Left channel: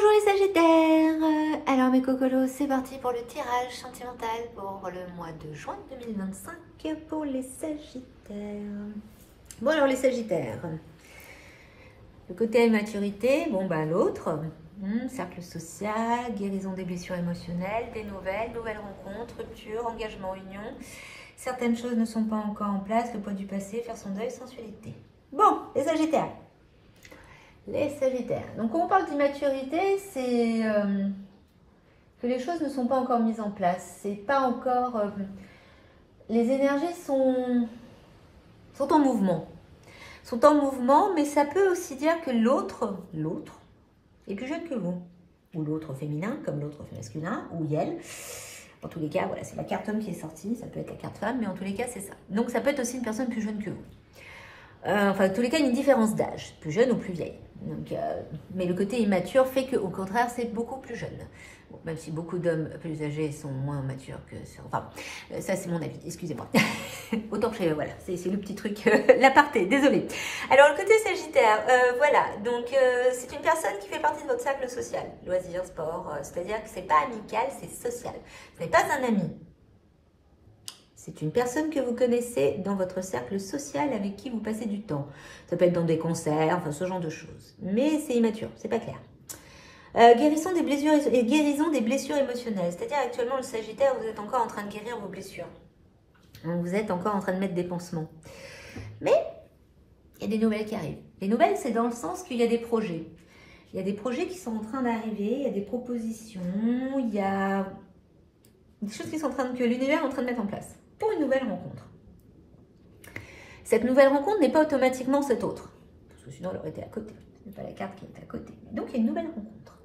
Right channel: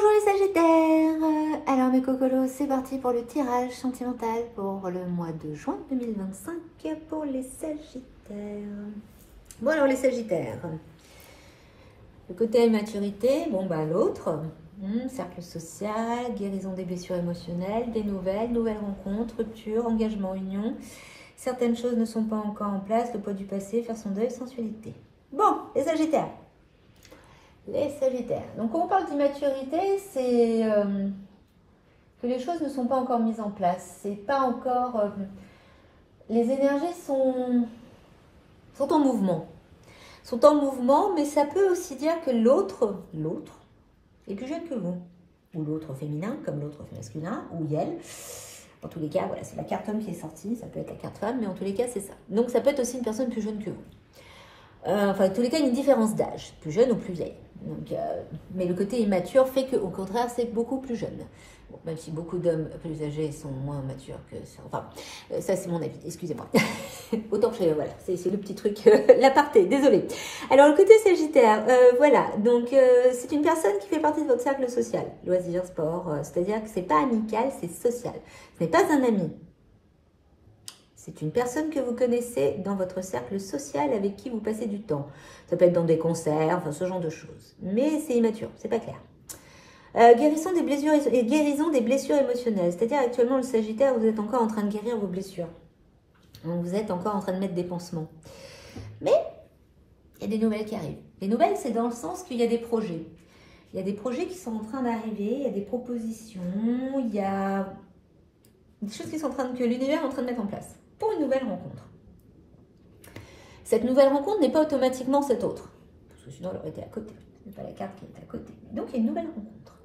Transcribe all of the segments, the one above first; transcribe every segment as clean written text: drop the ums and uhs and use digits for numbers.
Bonjour les Sagittaires. Alors mes cocolos, c'est parti pour le tirage sentimental pour le mois de juin 2025 pour les Sagittaires. Bon alors les Sagittaires, le côté immaturité, bon ben l'autre, cercle social, guérison des blessures émotionnelles, des nouvelles rencontres, rupture, engagement, union. Certaines choses ne sont pas encore en place, le poids du passé, faire son deuil, sensualité. Bon, les Sagittaires. Les Sagittaires. Donc, quand on parle d'immaturité, c'est que les choses ne sont pas encore mises en place. C'est pas encore... les énergies sont en mouvement. Sont en mouvement, mais ça peut aussi dire que l'autre est plus jeune que vous. Ou l'autre féminin, comme l'autre masculin, ou elle. En tous les cas, voilà, c'est la carte homme qui est sortie. Ça peut être la carte femme, mais en tous les cas, c'est ça. Donc, ça peut être aussi une personne plus jeune que vous. Enfin, en tous les cas, une différence d'âge, plus jeune ou plus vieille. Donc, mais le côté immature fait qu'au contraire, c'est beaucoup plus jeune. Bon, même si beaucoup d'hommes plus âgés sont moins matures que... Enfin, ça c'est mon avis, excusez-moi. Autant que voilà, c'est le petit truc, l'aparté, désolé. Alors, le côté Sagittaire, voilà. Donc, c'est une personne qui fait partie de votre cercle social. Loisirs, sport, c'est-à-dire que c'est pas amical, c'est social. Ce n'est pas un ami. C'est une personne que vous connaissez dans votre cercle social avec qui vous passez du temps. Ça peut être dans des concerts, enfin ce genre de choses. Mais c'est immature, c'est pas clair. Guérison des blessures émotionnelles. C'est-à-dire actuellement le Sagittaire, vous êtes encore en train de guérir vos blessures. Donc, vous êtes encore en train de mettre des pansements. Mais il y a des nouvelles qui arrivent. Les nouvelles, c'est dans le sens qu'il y a des projets. Il y a des projets qui sont en train d'arriver, il y a des propositions, il y a des choses qui sont que l'univers est en train de mettre en place pour une nouvelle rencontre. Cette nouvelle rencontre n'est pas automatiquement cette autre, parce que sinon elle aurait été à côté. Ce n'est pas la carte qui est à côté. Donc il y a une nouvelle rencontre.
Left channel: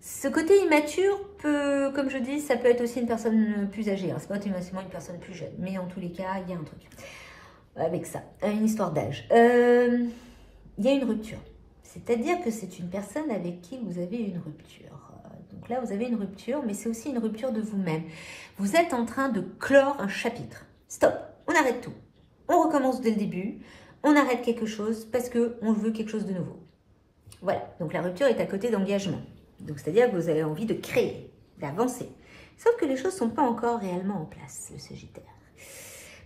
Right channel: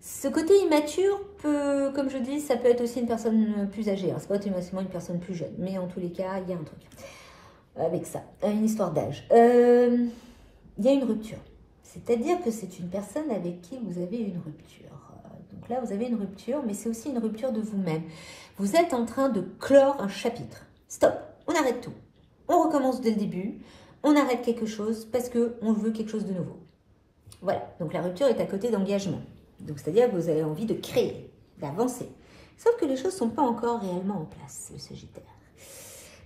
Ce côté immature peut, comme je dis, ça peut être aussi une personne plus âgée. C'est pas automatiquement une personne plus jeune, mais en tous les cas, il y a un truc avec ça, une histoire d'âge. Il y a une rupture. C'est-à-dire que c'est une personne avec qui vous avez une rupture. Donc là, vous avez une rupture, mais c'est aussi une rupture de vous-même. Vous êtes en train de clore un chapitre. Stop, on arrête tout. On recommence dès le début. On arrête quelque chose parce qu'on veut quelque chose de nouveau. Voilà, donc la rupture est à côté d'engagement. Donc c'est-à-dire que vous avez envie de créer, d'avancer. Sauf que les choses ne sont pas encore réellement en place, le Sagittaire.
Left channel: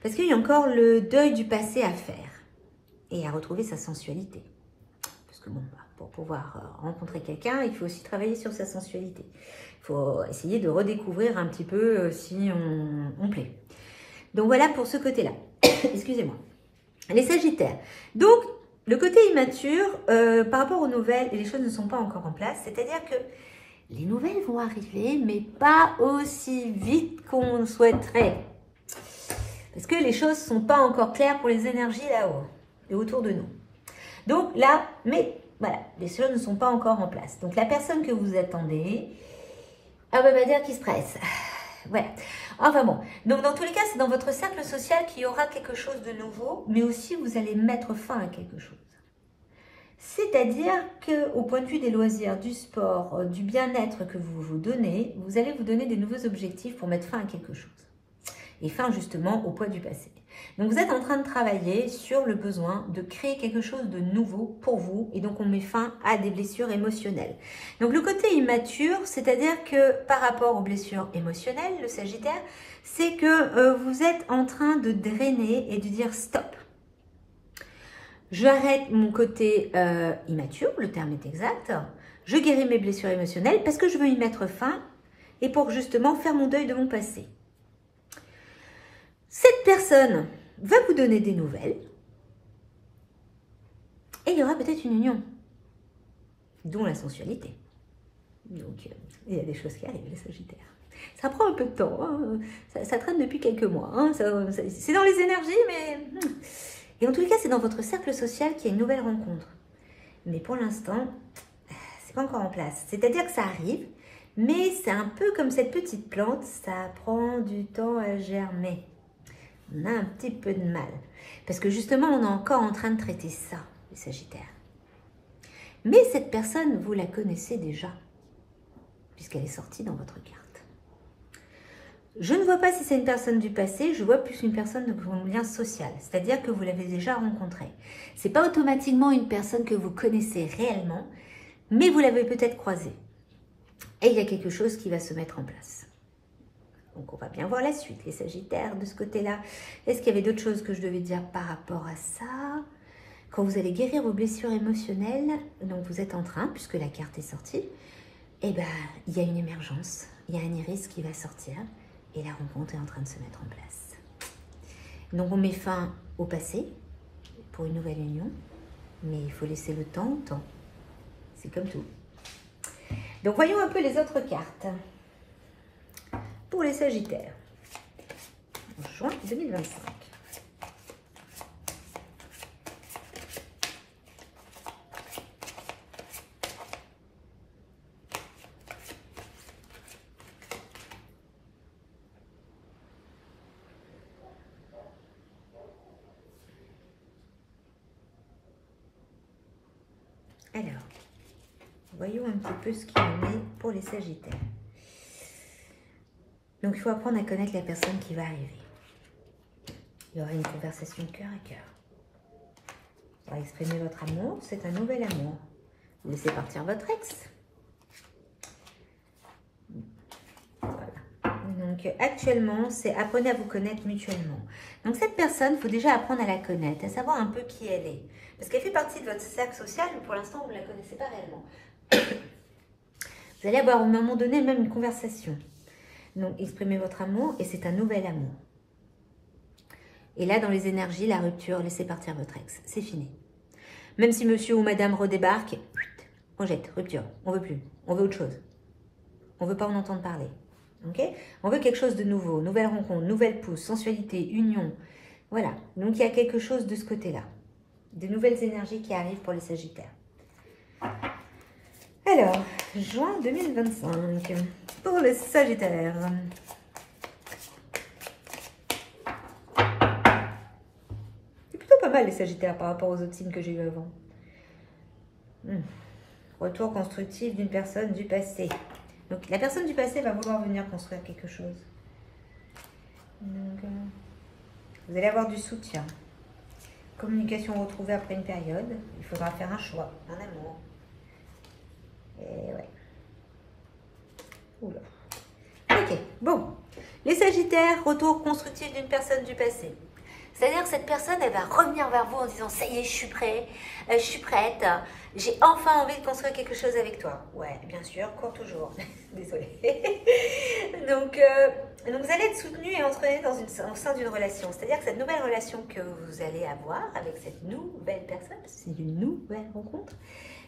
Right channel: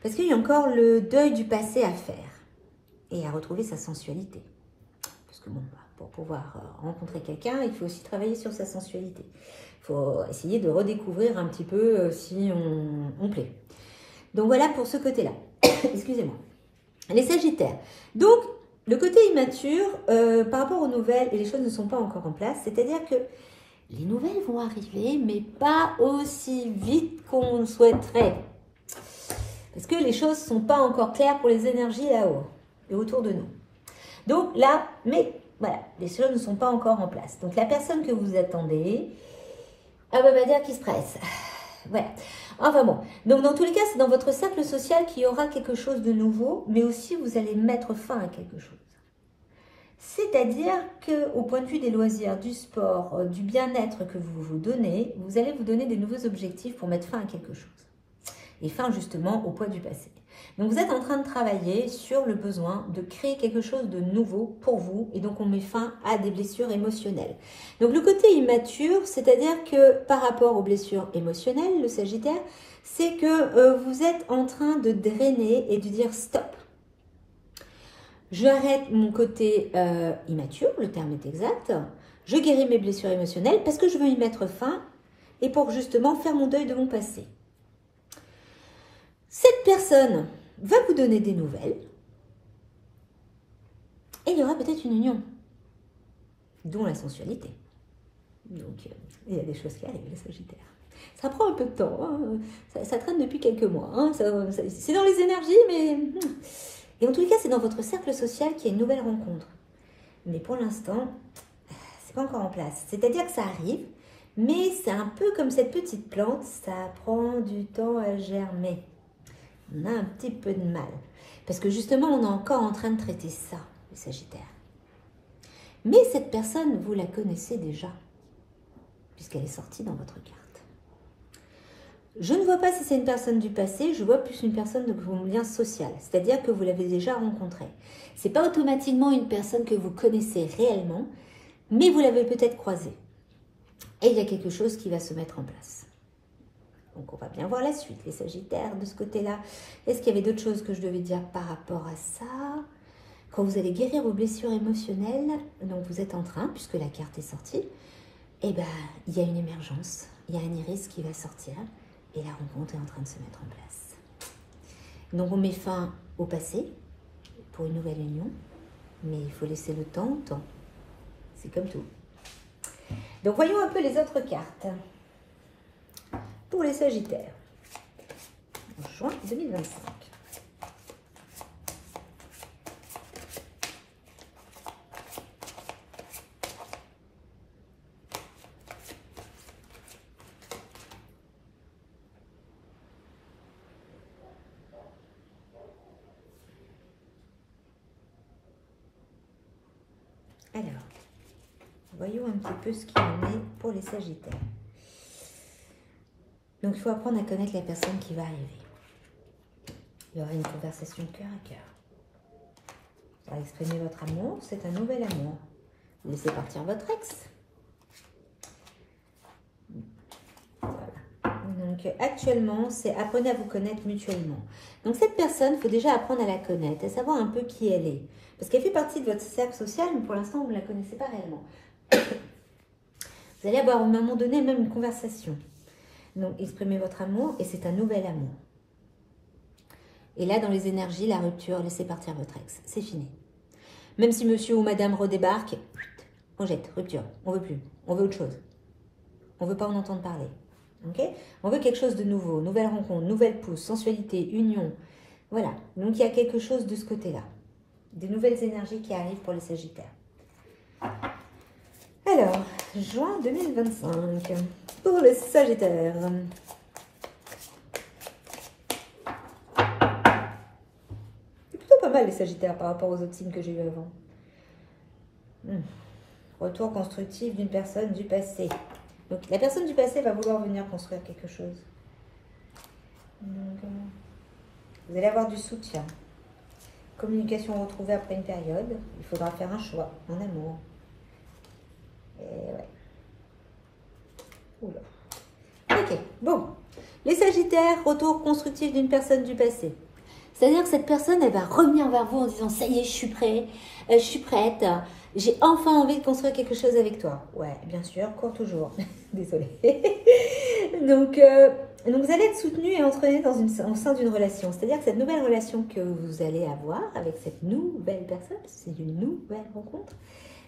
Parce qu'il y a encore le deuil du passé à faire et à retrouver sa sensualité. Parce que bon, pour pouvoir rencontrer quelqu'un, il faut aussi travailler sur sa sensualité. Il faut essayer de redécouvrir un petit peu si on plaît. Donc voilà pour ce côté-là. Excusez-moi. Les Sagittaires. Donc, le côté immature, par rapport aux nouvelles, et les choses ne sont pas encore en place, c'est-à-dire que les nouvelles vont arriver, mais pas aussi vite qu'on souhaiterait. Parce que les choses ne sont pas encore claires pour les énergies là-haut et autour de nous. Donc là, mais voilà, les choses ne sont pas encore en place. Donc la personne que vous attendez, on va dire qu'il se presse. Voilà. Enfin bon, donc dans tous les cas, c'est dans votre cercle social qu'il y aura quelque chose de nouveau, mais aussi vous allez mettre fin à quelque chose. C'est-à-dire qu'au point de vue des loisirs, du sport, du bien-être que vous vous donnez, vous allez vous donner des nouveaux objectifs pour mettre fin à quelque chose. Et fin justement au poids du passé. Donc vous êtes en train de travailler sur le besoin de créer quelque chose de nouveau pour vous et donc on met fin à des blessures émotionnelles. Donc le côté immature, c'est-à-dire que par rapport aux blessures émotionnelles, le Sagittaire, c'est que vous êtes en train de drainer et de dire stop. Je arrête mon côté immature, le terme est exact, je guéris mes blessures émotionnelles parce que je veux y mettre fin et pour justement faire mon deuil de mon passé. Cette personne va vous donner des nouvelles et il y aura peut-être une union, dont la sensualité. Donc, il y a des choses qui arrivent, les Sagittaires. Ça prend un peu de temps, hein. Ça traîne depuis quelques mois. Hein. C'est dans les énergies, mais... Et en tous les cas, c'est dans votre cercle social qu'il y a une nouvelle rencontre. Mais pour l'instant, c'est pas encore en place. C'est-à-dire que ça arrive, mais c'est un peu comme cette petite plante, ça prend du temps à germer. On a un petit peu de mal. Parce que justement, on est encore en train de traiter ça, les Sagittaires. Mais cette personne, vous la connaissez déjà, puisqu'elle est sortie dans votre carte. Je ne vois pas si c'est une personne du passé, je vois plus une personne de vos liens social. C'est-à-dire que vous l'avez déjà rencontrée. Ce n'est pas automatiquement une personne que vous connaissez réellement, mais vous l'avez peut-être croisé. Et il y a quelque chose qui va se mettre en place. Donc, on va bien voir la suite, les Sagittaires, de ce côté-là. Est-ce qu'il y avait d'autres choses que je devais dire par rapport à ça? Quand vous allez guérir vos blessures émotionnelles, donc vous êtes en train, puisque la carte est sortie, eh ben, il y a une émergence, il y a un iris qui va sortir, et la rencontre est en train de se mettre en place. Donc, on met fin au passé, pour une nouvelle union, mais il faut laisser le temps au temps. C'est comme tout. Donc, voyons un peu les autres cartes. Pour les Sagittaires, en juin 2025. Alors, voyons un petit peu ce qu'il en est pour les Sagittaires. Donc, il faut apprendre à connaître la personne qui va arriver. Il y aura une conversation cœur à cœur. Pour exprimer votre amour, c'est un nouvel amour. Vous laissez partir votre ex. Voilà. Donc, actuellement, c'est apprenez à vous connaître mutuellement. Donc, cette personne, il faut déjà apprendre à la connaître, à savoir un peu qui elle est. Parce qu'elle fait partie de votre cercle social, mais pour l'instant, vous ne la connaissez pas réellement. Vous allez avoir, à un moment donné, même une conversation. Donc, exprimez votre amour et c'est un nouvel amour. Et là, dans les énergies, la rupture, laissez partir votre ex. C'est fini. Même si monsieur ou madame redébarque, on jette, rupture. On veut plus. On veut autre chose. On veut pas en entendre parler. Ok? On veut quelque chose de nouveau. Nouvelle rencontre, nouvelle pousse, sensualité, union. Voilà. Donc, il y a quelque chose de ce côté-là. De nouvelles énergies qui arrivent pour les Sagittaires. Alors, juin 2025. Pour les Sagittaires. C'est plutôt pas mal les Sagittaires par rapport aux autres signes que j'ai eu avant. Retour constructif d'une personne du passé. Donc la personne du passé va vouloir venir construire quelque chose. Donc, vous allez avoir du soutien. Communication retrouvée après une période. Il faudra faire un choix, un amour. Et ouais. Oula. Ok, bon. Les Sagittaires, retour constructif d'une personne du passé. C'est-à-dire que cette personne, elle va revenir vers vous en disant « Ça y est, je suis prêt, je suis prête, j'ai enfin envie de construire quelque chose avec toi. » Ouais, bien sûr, court toujours. Désolée. Donc, vous allez être soutenu et entraîné au sein d'une relation. C'est-à-dire que cette nouvelle relation que vous allez avoir avec cette nouvelle personne, parce que c'est une nouvelle rencontre,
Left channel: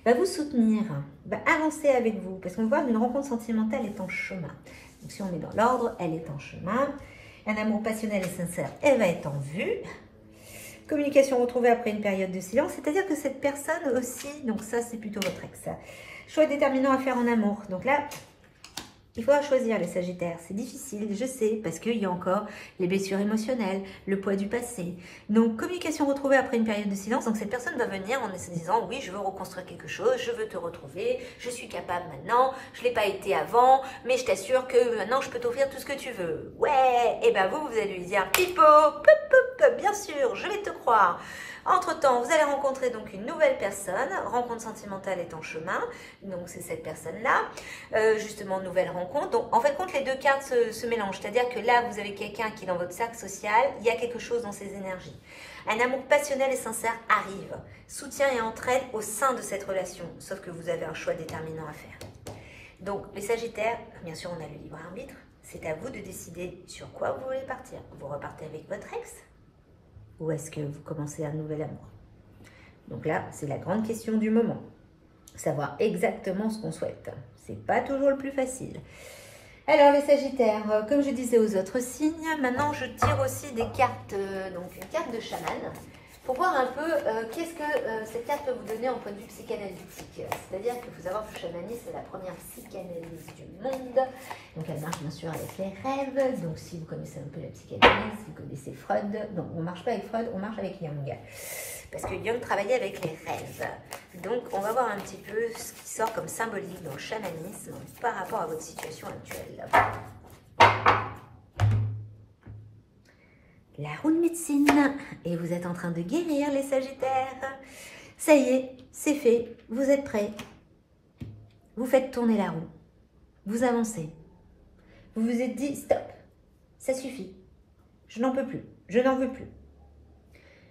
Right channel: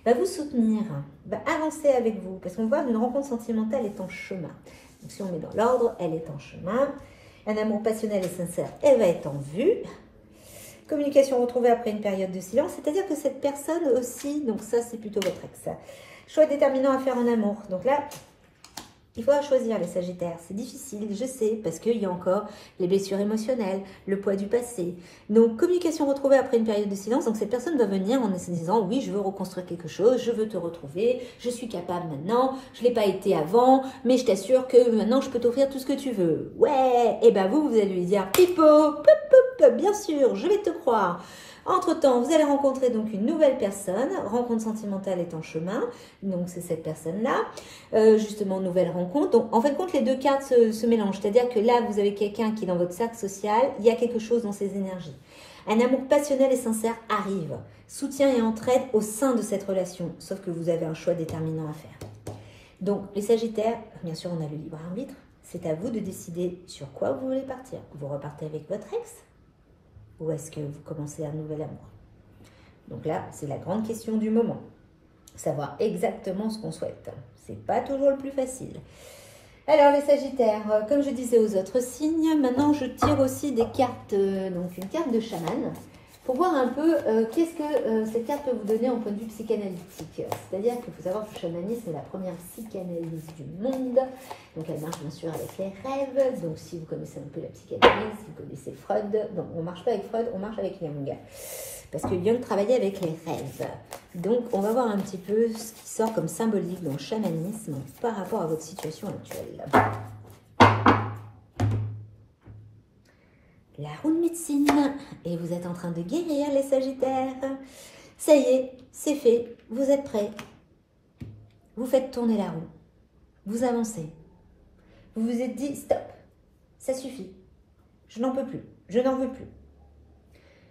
va vous soutenir, va avancer avec vous. Parce qu'on voit qu'une rencontre sentimentale est en chemin. Donc, si on met dans l'ordre, elle est en chemin. Un amour passionnel et sincère, elle va être en vue. Communication retrouvée après une période de silence. C'est-à-dire que cette personne aussi, donc ça, c'est plutôt votre ex. Choix déterminant à faire en amour. Donc là, il faudra choisir les Sagittaires. C'est difficile, je sais, parce qu'il y a encore les blessures émotionnelles, le poids du passé. Donc, communication retrouvée après une période de silence. Donc, cette personne va venir en se disant, oui, je veux reconstruire quelque chose, je veux te retrouver, je suis capable maintenant, je ne l'ai pas été avant, mais je t'assure que maintenant, je peux t'offrir tout ce que tu veux. Ouais, et ben vous allez lui dire, Pipo, pop, pop, bien sûr, je vais te croire. Entre-temps, vous allez rencontrer donc une nouvelle personne. Rencontre sentimentale est en chemin. Donc, c'est cette personne-là. Justement, nouvelle rencontre. Donc, en fin de compte, les deux cartes se mélangent. C'est-à-dire que là, vous avez quelqu'un qui est dans votre cercle social. Il y a quelque chose dans ses énergies. Un amour passionnel et sincère arrive. Soutien et entraide au sein de cette relation. Sauf que vous avez un choix déterminant à faire. Donc, les Sagittaires, bien sûr, on a le libre arbitre. C'est à vous de décider sur quoi vous voulez partir. Vous repartez avec votre ex? Ou est-ce que vous commencez un nouvel amour? Donc là, c'est la grande question du moment. Savoir exactement ce qu'on souhaite. C'est pas toujours le plus facile. Alors les Sagittaires, comme je disais aux autres signes, maintenant je tire aussi des cartes, donc une carte de chaman, pour voir un peu qu'est-ce que cette carte peut vous donner en point de vue psychanalytique. C'est-à-dire qu'il faut savoir que le chamanisme est la première psychanalyse du monde. Donc elle marche bien sûr avec les rêves. Donc si vous connaissez un peu la psychanalyse, si vous connaissez Freud, non, on ne marche pas avec Freud, on marche avec Jung. Parce que Jung travaillait avec les rêves. Donc on va voir un petit peu ce qui sort comme symbolique dans le chamanisme par rapport à votre situation actuelle. La roue de médecine, et vous êtes en train de guérir les Sagittaires. Ça y est, c'est fait, vous êtes prêts. vous faites tourner la roue, vous avancez. Vous vous êtes dit, stop, ça suffit, je n'en peux plus, je n'en veux plus.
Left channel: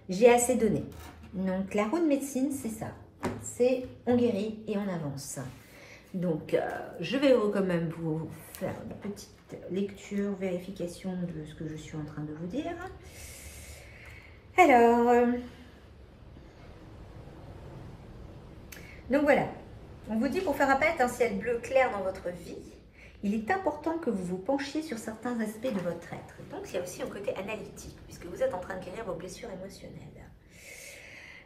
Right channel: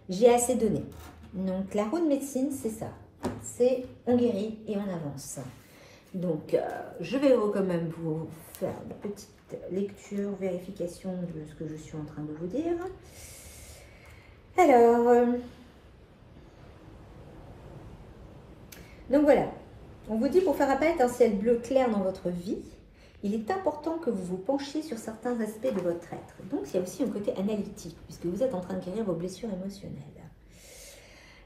J'ai assez donné. Donc, la roue de médecine, c'est ça. C'est on guérit et on avance. Donc, je vais quand même vous faire une petite lecture, vérification de ce que je suis en train de vous dire. Alors, donc voilà. On vous dit pour faire apparaître un ciel bleu clair dans votre vie, il est important que vous vous penchiez sur certains aspects de votre être. Donc, il y a aussi un côté analytique, puisque vous êtes en train de guérir vos blessures émotionnelles.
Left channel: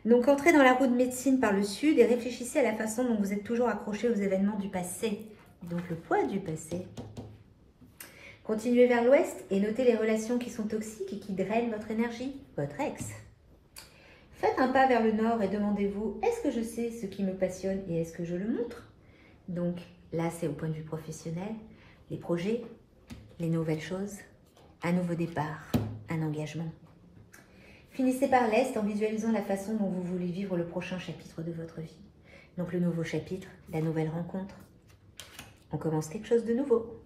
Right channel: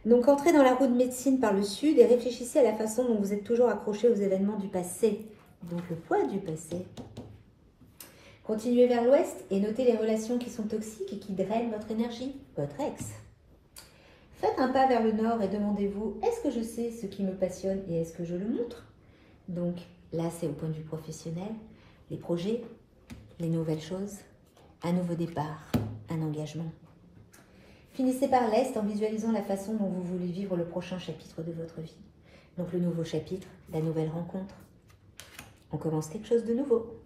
Donc, entrez dans la roue de médecine par le sud et réfléchissez à la façon dont vous êtes toujours accroché aux événements du passé. Donc, le poids du passé. Continuez vers l'ouest et notez les relations qui sont toxiques et qui drainent votre énergie, votre ex. Faites un pas vers le nord et demandez-vous, est-ce que je sais ce qui me passionne et est-ce que je le montre? Donc, là, c'est au point de vue professionnel, les projets, les nouvelles choses, un nouveau départ, un engagement. Finissez par l'Est en visualisant la façon dont vous voulez vivre le prochain chapitre de votre vie. Donc le nouveau chapitre, la nouvelle rencontre. On commence quelque chose de nouveau.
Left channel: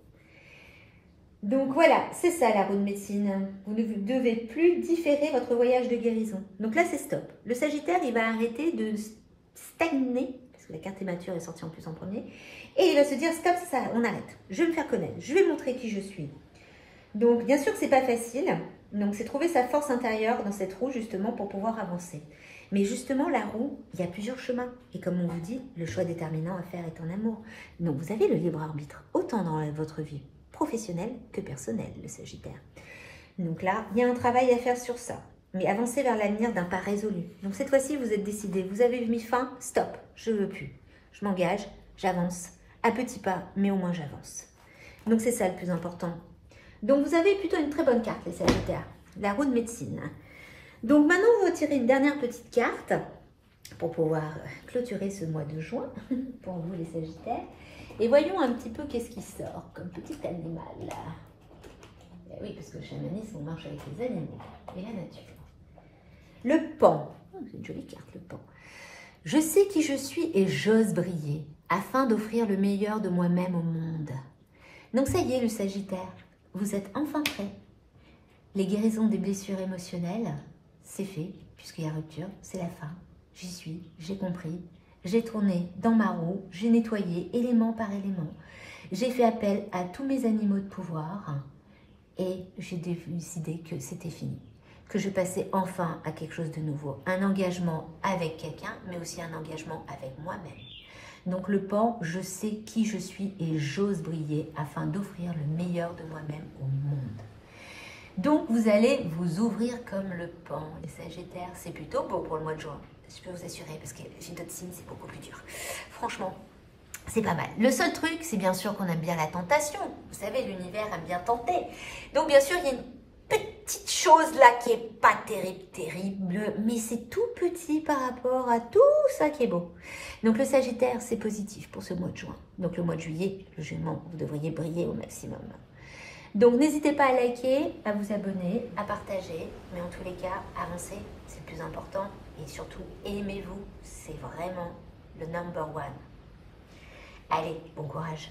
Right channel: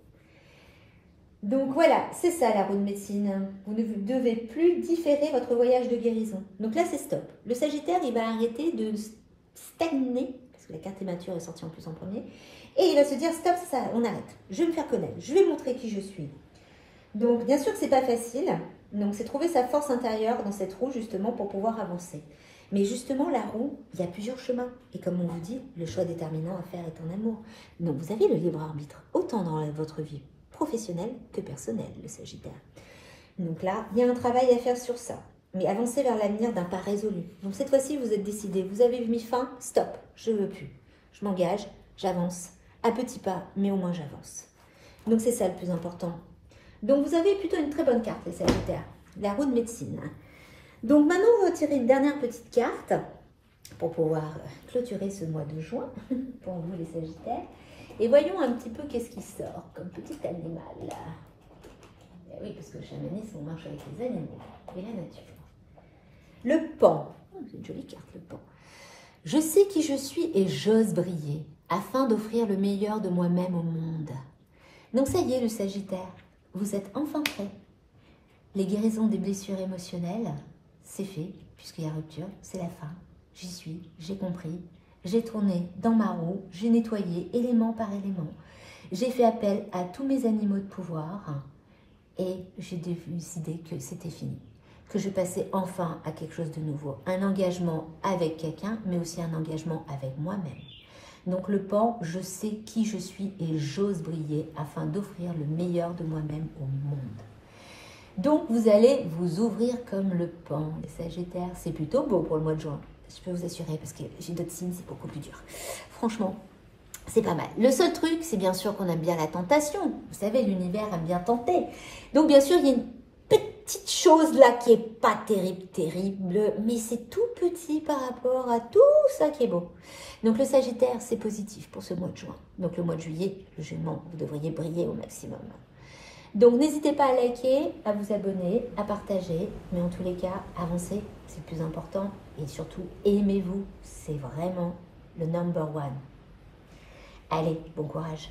Donc voilà, c'est ça la roue de médecine. Vous ne devez plus différer votre voyage de guérison. Donc là, c'est stop. Le Sagittaire, il va arrêter de stagner, parce que la carte immature est sortie en plus en premier, et il va se dire, stop, ça, on arrête. Je vais me faire connaître, je vais montrer qui je suis. Donc, bien sûr que c'est pas facile. Donc, c'est trouver sa force intérieure dans cette roue, justement, pour pouvoir avancer. Mais justement, la roue, il y a plusieurs chemins. Et comme on vous dit, le choix déterminant à faire est en amour. Donc, vous avez le libre arbitre, autant dans votre vie professionnelle que personnelle, le Sagittaire. Donc là, il y a un travail à faire sur ça. Mais avancez vers l'avenir d'un pas résolu. Donc, cette fois-ci, vous êtes décidé. Vous avez mis fin, stop, je ne veux plus. Je m'engage, j'avance. À petits pas, mais au moins j'avance. Donc, c'est ça le plus important. Donc, vous avez plutôt une très bonne carte, les Sagittaires, la roue de médecine. Donc, maintenant, on va tirer une dernière petite carte pour pouvoir clôturer ce mois de juin pour vous, les Sagittaires. Et voyons un petit peu qu'est-ce qui sort comme petit animal. Oui, parce que le chamanisme, on marche avec les animaux et la nature. Le pan. Oh, c'est une jolie carte, le pan. Je sais qui je suis et j'ose briller afin d'offrir le meilleur de moi-même au monde. Donc, ça y est, le Sagittaire. Vous êtes enfin prêt. Les guérisons des blessures émotionnelles, c'est fait, puisqu'il y a rupture, c'est la fin. J'y suis, j'ai compris, j'ai tourné dans ma roue, j'ai nettoyé élément par élément. J'ai fait appel à tous mes animaux de pouvoir et j'ai décidé que c'était fini. Que je passais enfin à quelque chose de nouveau. Un engagement avec quelqu'un, mais aussi un engagement avec moi-même. Donc le pan, je sais qui je suis et j'ose briller afin d'offrir le meilleur de moi-même au monde. Donc vous allez vous ouvrir comme le pan, les Sagittaires. C'est plutôt beau pour le mois de juin, je peux vous assurer, parce que j'ai d'autres signes, c'est beaucoup plus dur. Franchement, c'est pas mal. Le seul truc, c'est bien sûr qu'on aime bien la tentation. Vous savez, l'univers aime bien tenter. Donc bien sûr, il y a une petite chose là qui est pas terrible, mais c'est tout petit par rapport à tout ça qui est beau. Donc le Sagittaire, c'est positif pour ce mois de juin. Donc le mois de juillet, le Gémeaux, vous devriez briller au maximum. Donc n'hésitez pas à liker, à vous abonner, à partager, mais en tous les cas, avancez, c'est le plus important. Et surtout, aimez-vous, c'est vraiment le number one. Allez, bon courage.